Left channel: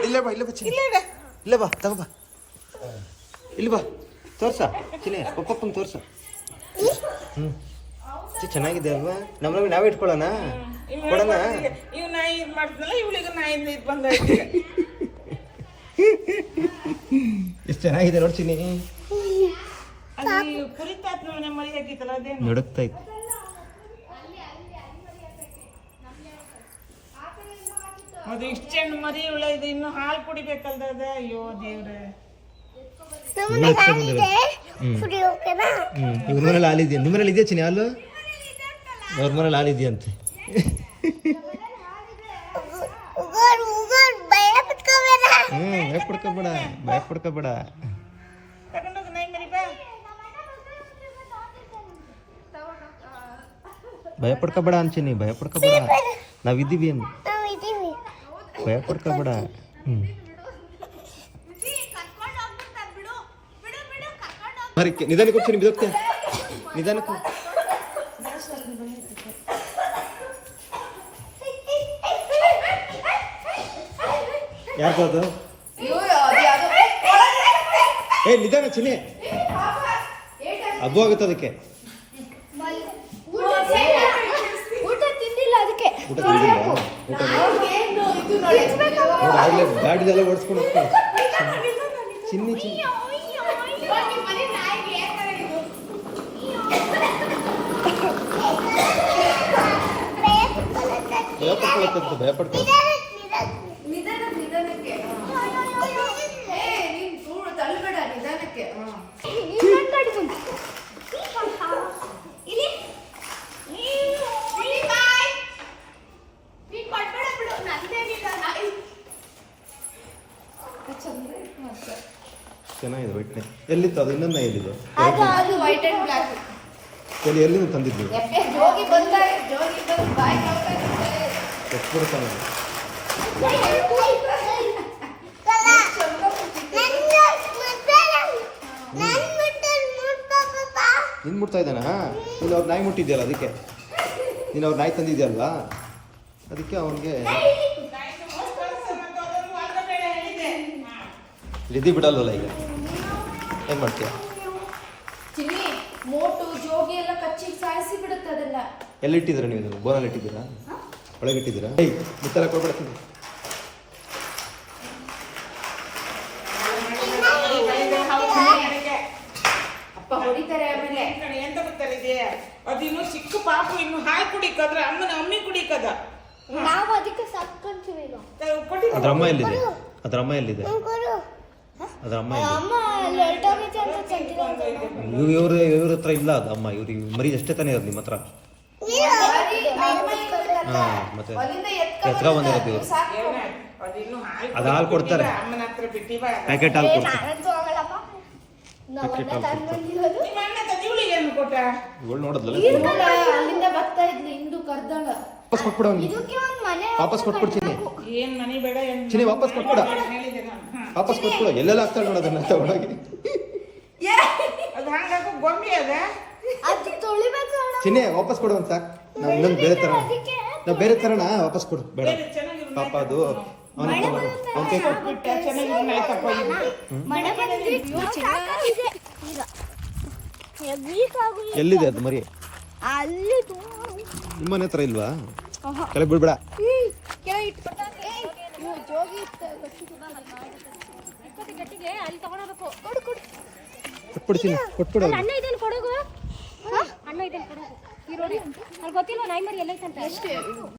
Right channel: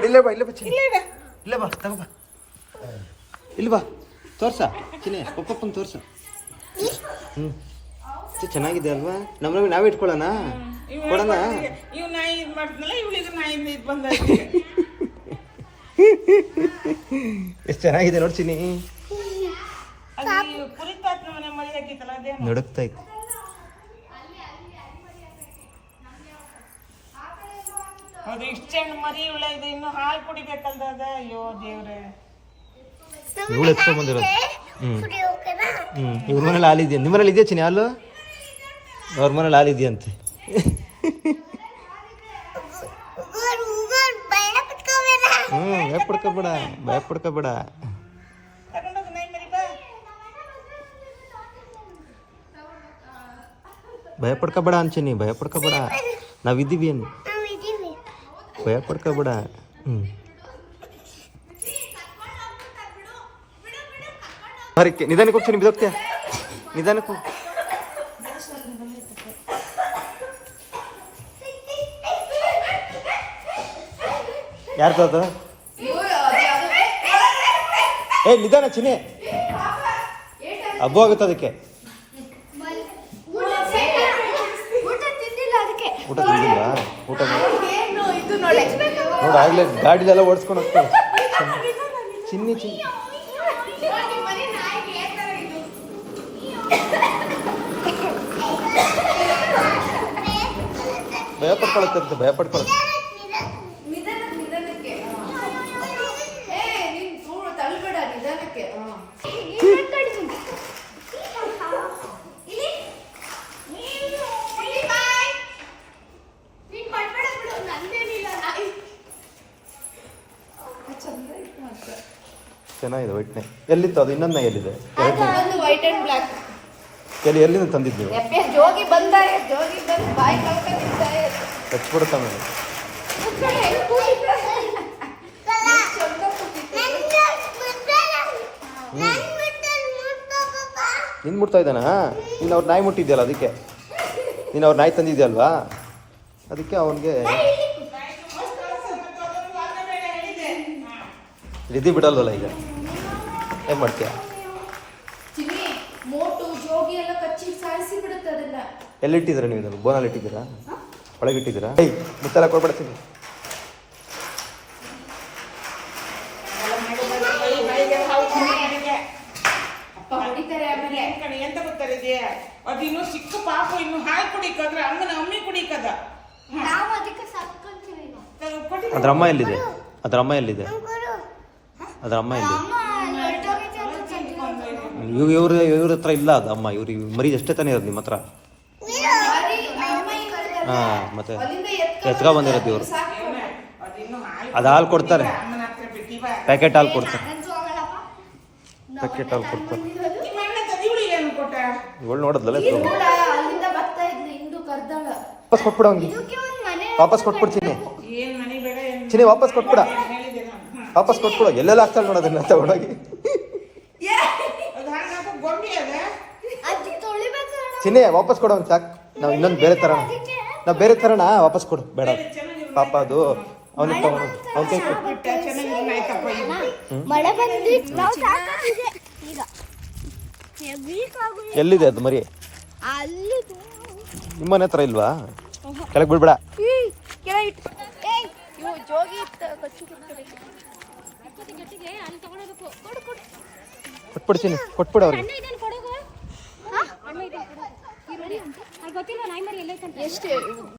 ಇಲ್ಲೇ ಬಾ ಇಲ್ಲೇ ಬಾ ತಗೋಬಾ ಇಲ್ಲಿ ಬಾ ತೋರ್ಸ ಚಿನ್ನೆ ಪಪ್ಪಪ್ಪಂಗೆ ತೋರ್ಸ ಚೆನ್ನಾಗಿದೆ ಅಲ್ವಾ ನಮ್ಮಲ್ಲಿ ನಾವೇ ಇಟ್ಕೊಳ್ಳೋಣ ಕೊಡೋಣ ಇವ್ ನಾಯಿ ಇದು ಮಾಡಿದ್ನಲ್ಲ ಇವಳಿಗೂ ನಾಯಿಂದ ಇದು ಬಂದೈತಿ ಎಷ್ಟು ಚೆನ್ನಾಗಿದೆ ನೋಡಿ ಚಿನ್ನಿ ಕುರಿತಾತ್ ನಮ್ಮ ಮರಿ ಹಾಕಿತ್ತಲ್ಲ ಅದೇ ನಡುಕ್ತೈತೆ ಅದು ಇಷ್ಟು ಚೆಂಡು ಮರಿ ಇವಳ ಇದು ಇನ್ನು ಹಾಲು ಕುಡಿಬೇಕಲ್ದ ಅಯ್ಯೋ ದೇವ್ರೆ ಇವ್ರ ಮನೇಲಿ ಹಾಲಿದ್ಯಾ ನಿಮ್ಮ ಮನೇಲಿ ಇದೆಯಾ ಚಿನ್ನಿ ಹಾಲು ಅವ್ರ ಮನೇಲಿ ಹಾಲಿದ್ಯಂತೆ ಭಯ ಪಡ್ಕೋಬೇಡ ಭಯ ಪಡ್ಕೋಬೇಡ ಅಂಚೆನಿ ಭಯ ಪಡ್ಕೋಬೇಡ ನಾವಿದ್ದೀವಿ ಏನು ಭಯ ಪಡ್ಕೋಬೇಡ ಹರಿಕೆ ನಿಧಾನಕ್ಕೆ ಹೋಗ್ತೀನಿ ಬಿದೋಗ್ತೆ ನಿಧಾನಕ್ಕೆ ಯಾರು ತಾತ ನಿಧಾನ ಚಿನ್ನೆ ಹಬ್ಬ ಆಗುತ್ತೆ ಅದಕ್ಕೆ ಊಟ ತಿಂದಿಲ್ಲ ಊಟ ನೋಡಿ ಆಗ್ಲೇ ಗಾಡಿದೆಲ್ಲ ಓಡಿಸ್ಕೊಂಡು ಹೋಗ್ತಾಳೆ ಚಿನ್ನಿ ಭಯ ಪಡ್ಕೊಳತ್ತಂತ ಭಯ ಪಡ್ಕೊಳ ಚೆನ್ನಾಗಿದೆ ವೈಟ್ನೆ ಎಲ್ಲಿತ್ತು ಅದು ಇನ್ನೊಂದು ಎಲ್ಲಿದೆ ಎಲ್ಲಿಂದ ತಂದಿದ್ದೀವಿ ಎತ್ಬಿಡುತ್ತಾನೆ ನಿನ್ ಮುಟ್ತಾ ಇದ್ದಾನ ನೀನು ಅವ್ರ ನಾಯಿ ಮುಟ್ಟಿದ್ಯಲ್ಲ ಅದಕ್ಕೆ ನೀನು ಅವ್ರ ನಾಯಿ ತಂದಿದ್ಯಲ್ವಾ ಅದಕ್ಕೆ ಅವನಿಗೆ ನಿಧಿ ಬಿಡಲ್ವಲ್ಲ ಈಗ ಏನ್ ಮಾಡ್ತೀಯ ಎಲ್ಲಿಟ್ಟಿದ್ದೀರಾ ನೀವು ಬೋನಲ್ಲಿ ಇಟ್ಟಿದ್ದೀರಾ ಒಳಗೆ ಇಟ್ಟಿದ್ದೀರಾ ಮುತ್ತೆಲ್ಲ ಕೊಡ್ಬಿಡ್ತೀನಿ ಎಂತ ಗೊತ್ತಿದೆ ಅದು ಇನ್ನು ಸಿಕ್ಕ ಪಾಪ ಇನ್ನು ಹಾಲು ಕುಡಿಕಂದ್ರೆ ಅಮ್ಮಿ ಕುಡಿಕದ ಅದ್ರ ಅಮ್ಮ ಎಲ್ಲಿದೆ ಅದ್ರ ಅಮ್ಮ ಎಲ್ಲಿದೆ ಅದ್ರ ಅಮ್ಮ ಇವ್ರ ಹತ್ರ ಇಲ್ಲ ಅದು ಅಮ್ಮ ಇವ್ರಿಗೆ ಮರಿ ಎಷ್ಟೇ ತಾನೇ ಇರೋದು ನಿಮ್ಮ ಹತ್ರ ಮತ್ತೆ ಎತ್ಕ ಬಂದಿರೋದು ಇವ್ರು ಅದು ಹಾಲು ಕೊಡ್ತಾರೆ ಪ್ಯಾಕೆಟ್ ಹಾಲು ಕೊಡ್ತಾರೆ ಪ್ಯಾಕೆಟ್ ಹಾಲು ಕೊಡ್ತಾರೆ ಇವಳು ನೋಡಿದ್ಲಲ್ಲ ವಾಪಸ್ ಕೊಟ್ಬಿಡ ಅವ್ನಿಗೆ ವಾಪಸ್ ಕೊಟ್ಬಿಡ್ತೀನಿ ಚಿನ್ನಿ ವಾಪಸ್ ಕೊಟ್ಬಿಡ ವಾಪಸ್ ಕೊಟ್ಬಿಡ ಎಲ್ಲೆಲ್ಲ ಆಗ್ತಾಳೆ ನೋಡೋದನ್ನ ತಗೊಂಡೋಗಿ ಚಿನ್ನಿ ವಾಪಸ್ ಕೊಡೋನ್ ಸಾಕು ನಾವು ಇನ್ನೊಂದು ಬೇರೆ ತರೋಣ ನಾವು ಬೇರೆ ತರೋಣ ವಾಪಸ್ ಕೊಡು ಬೇಡ ಪಾಪ ಅದು ಎಲ್ಲಿದೆ ಅದು ಮರಿ ನಿಮ್ಮನೆ ಹತ್ರ ಇಲ್ವಾ ಕೆಳಗೆ ಬಿಡ್ಬೇಡ ಕೊಟ್ಬಿಡ್ತೀನಿ ಕೊಟ್ಬಿಡ ಅವ್ರಿಗೆ